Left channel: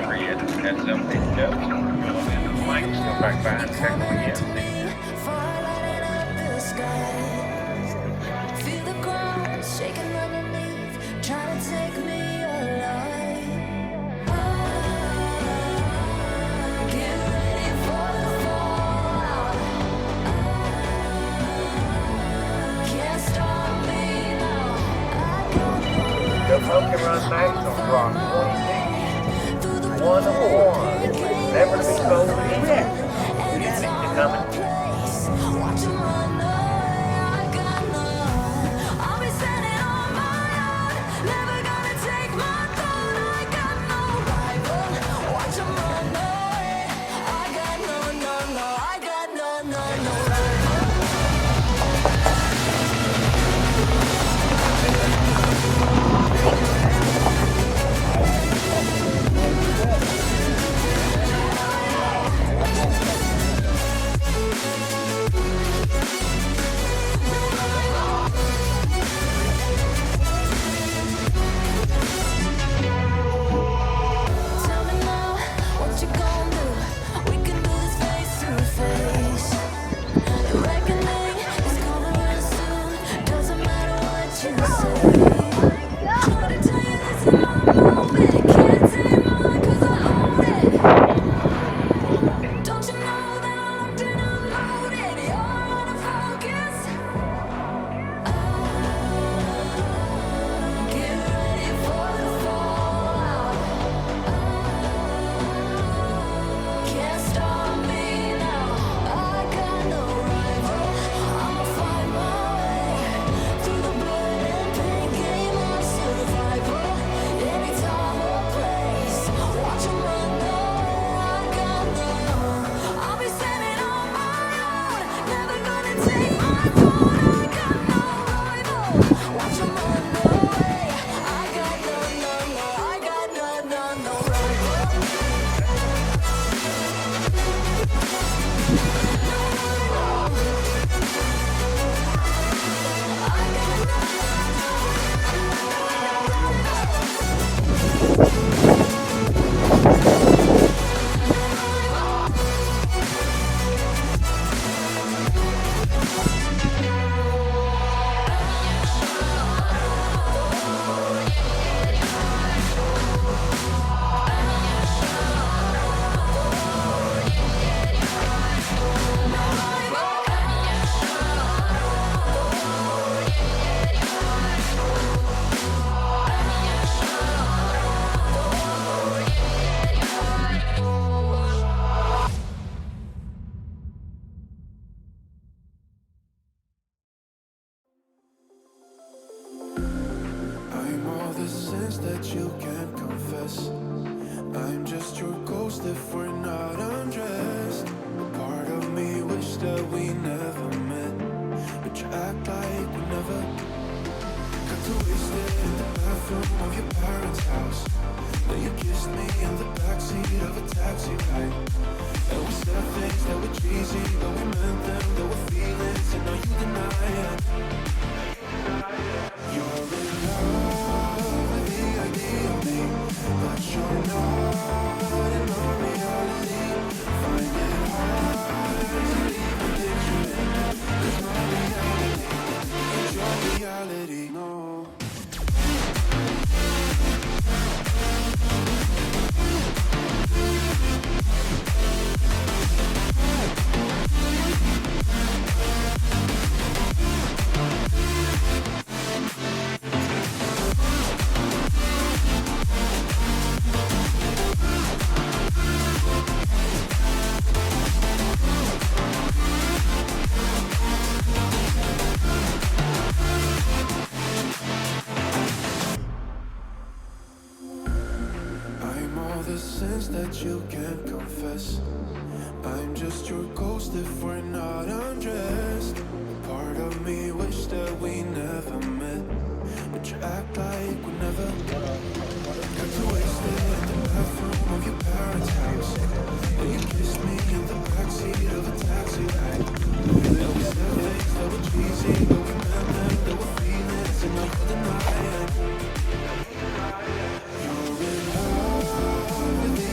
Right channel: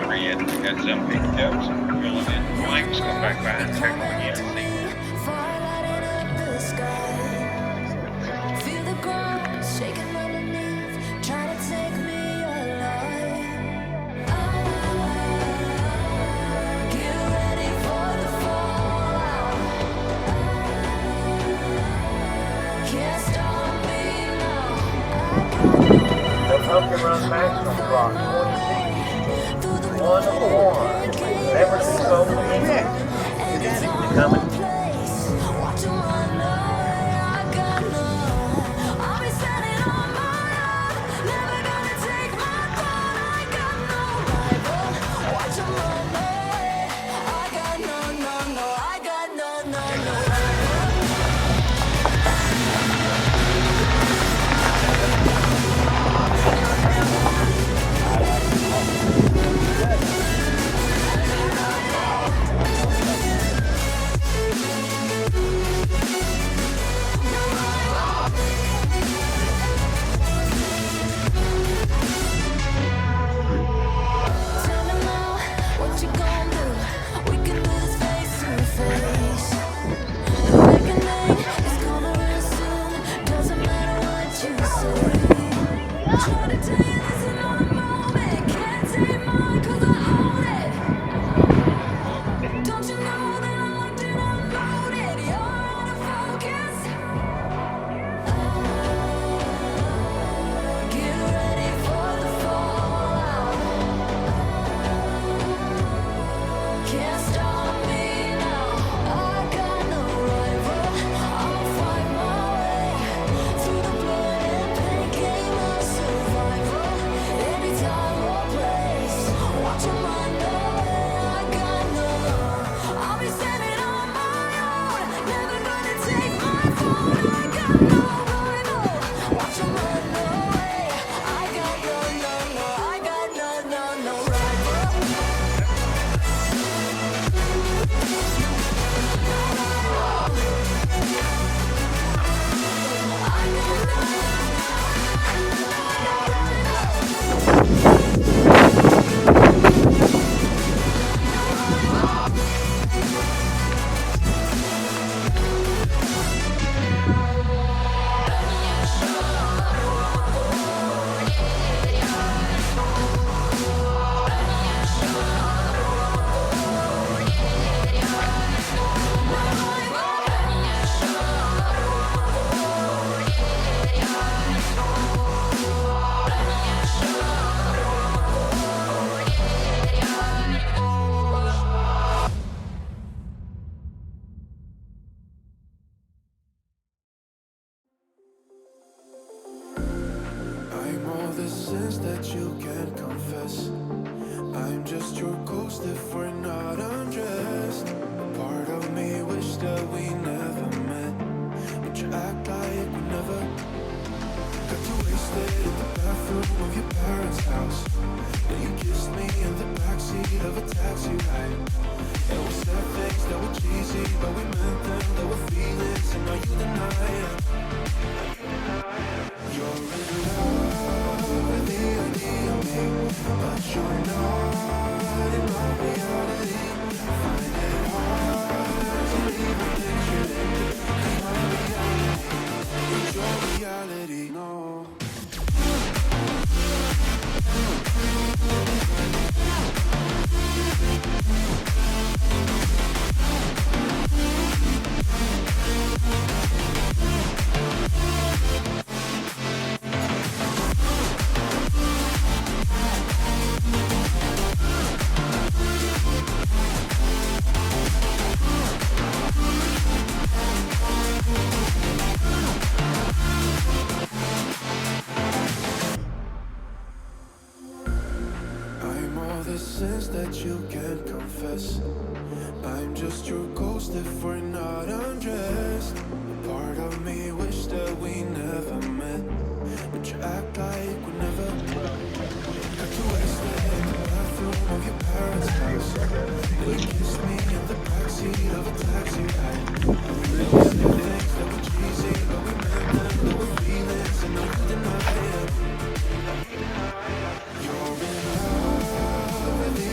whenever he gets them picked out and filling in the blanks, go back on and check them again. Fire lighting up the sky. Feel the ground shaking underneath, trying to take me alive. Get ready for the fallout. Can't stop me now. I got The Pokemon National Rock 20 through the one blood of and one. pain, game Never of too sold in survival. it. Anytime or place, watch 'em run away. I got none. I'll be standing on my own, never gonna take my throne. I got no rival. Watch 'em run away. I got no, no, no. I got no, no, no rival. Tell me now, what you gon' do? We can do this face to face. The reckoning is coming real soon. Doesn't matter what you say. Try to tell you this is my moment. Can't take mine 'cause I own it. Don't you know that I'm locked and unloaded? You're out of focus. Get ready for the fallout. Can't stop me now. I got no rival. I'ma fight my way through the blood and pain, game of survival. Anytime or place, watch 'em run away. I got no. I'll be standing on my own, never gonna take my throne. I got no rival. Watch 'em run away. I got no, no, no. I got no, no, no rival. I'm all the sins that you can't confess. I'm just your ghost if we're not undressed. A part of me wish that we never met, but you act like we never. Got too wasted in the bathroom of your parents' house. Then you kissed me in the backseat of a taxi ride. And we said things that were cheesy, but we meant them. There were feelings, and now you deny it. You're in love with the idea of me, but you're not in my reality. Find it hard to even picture it, 'cause my reality ain't your reality, no. I'm all the sins that you can't confess. I'm just your ghost if we're not undressed. A part of me wish that we never met, but you act like we never. Got too wasted in the bathroom of your parents' house. Then you kissed me in the backseat of a taxi ride. And we said things that were cheesy, but we meant them. There were feelings, and now you deny it. You're in love with the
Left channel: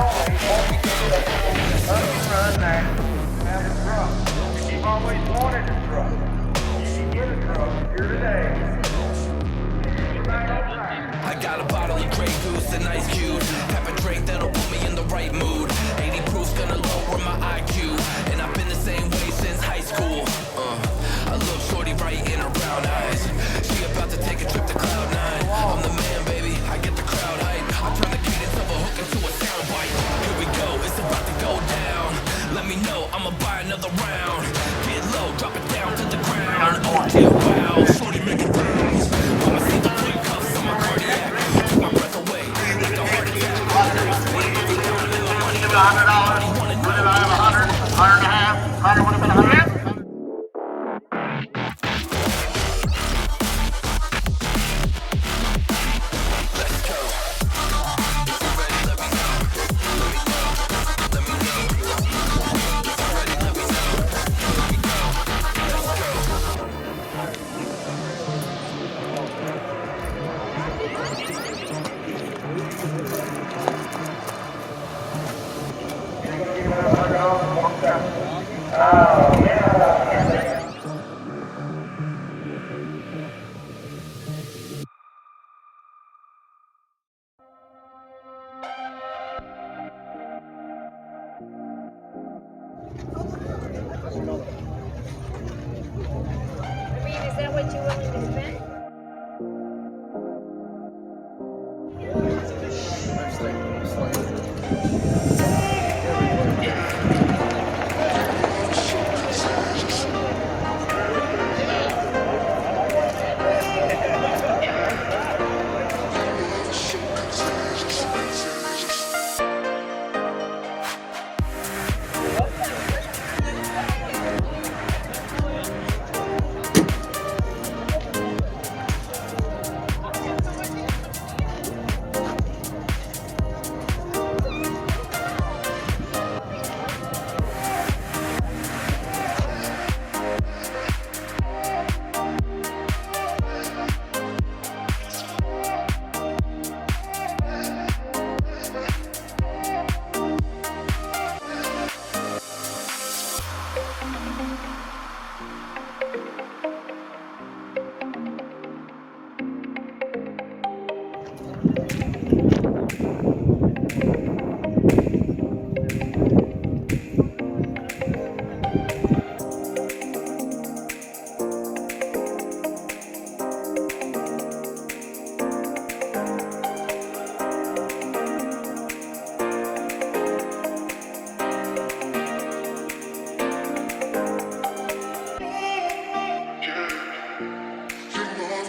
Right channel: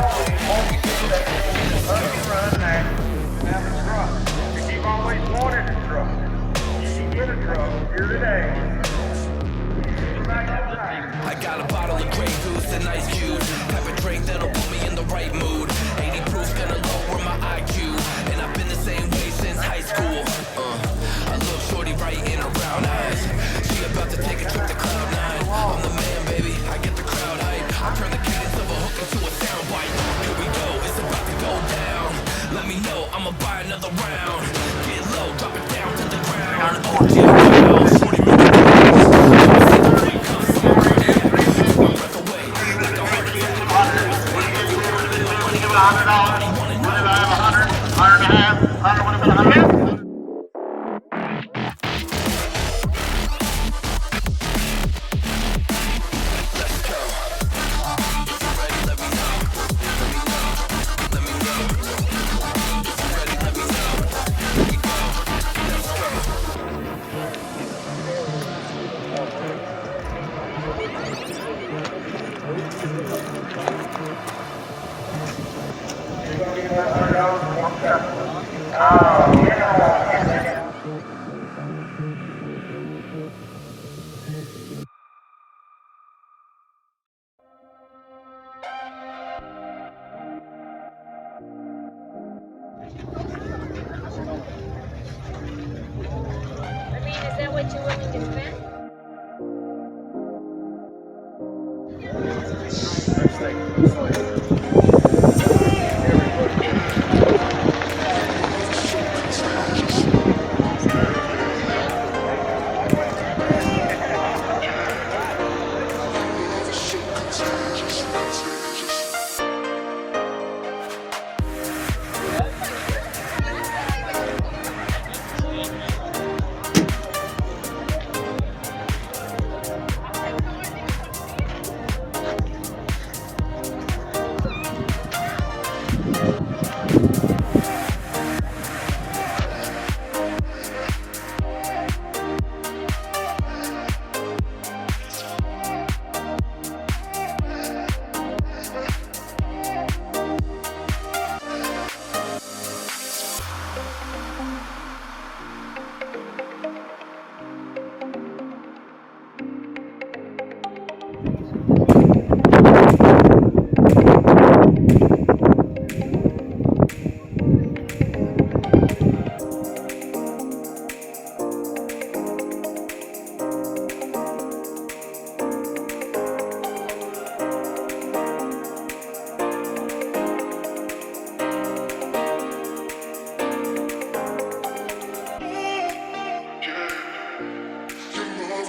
only 14 Pokemon Max. Have a truck. If you've always wanted a truck, get a truck. Here today. I got a bottle of Grey Goose and ice cubes. Have a drink that'll put me in the right mood. 80 proof's gonna lower my IQ. And I've been the same way since high school. I look shorty right in her brown eyes. She about to take a trip to Cloud 9. I'm the man, baby, I get the crowd hype. I turn the cadence of a hook into a soundbite. Here we go, it's about to go down. Let me know, I'ma buy another round. Get low, drop it down to the ground. Oh yeah, wow, shorty look at I'ma set the quick cuffs on my cardiac. Took my breath away, like a heart attack. Now I spend every dime in my money back. Everybody wanna know. Let's go. If you're ready, let me know. Let me know. Let me know. If you're ready, let me know. Here we go. Let's go. Oh, yeah. Is that what you're willing to spend?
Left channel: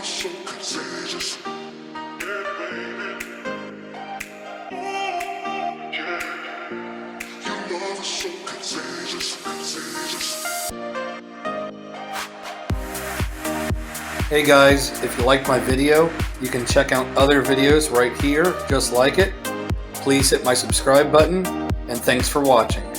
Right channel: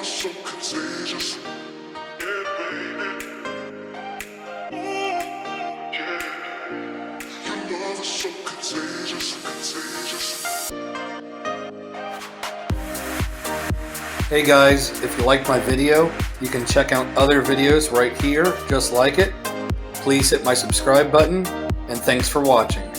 So contagious, yeah, baby. Yeah, your love is so contagious, contagious. Hey guys, if you liked my video, you can check out other videos right here just like it. Please hit my subscribe button, and thanks for watching.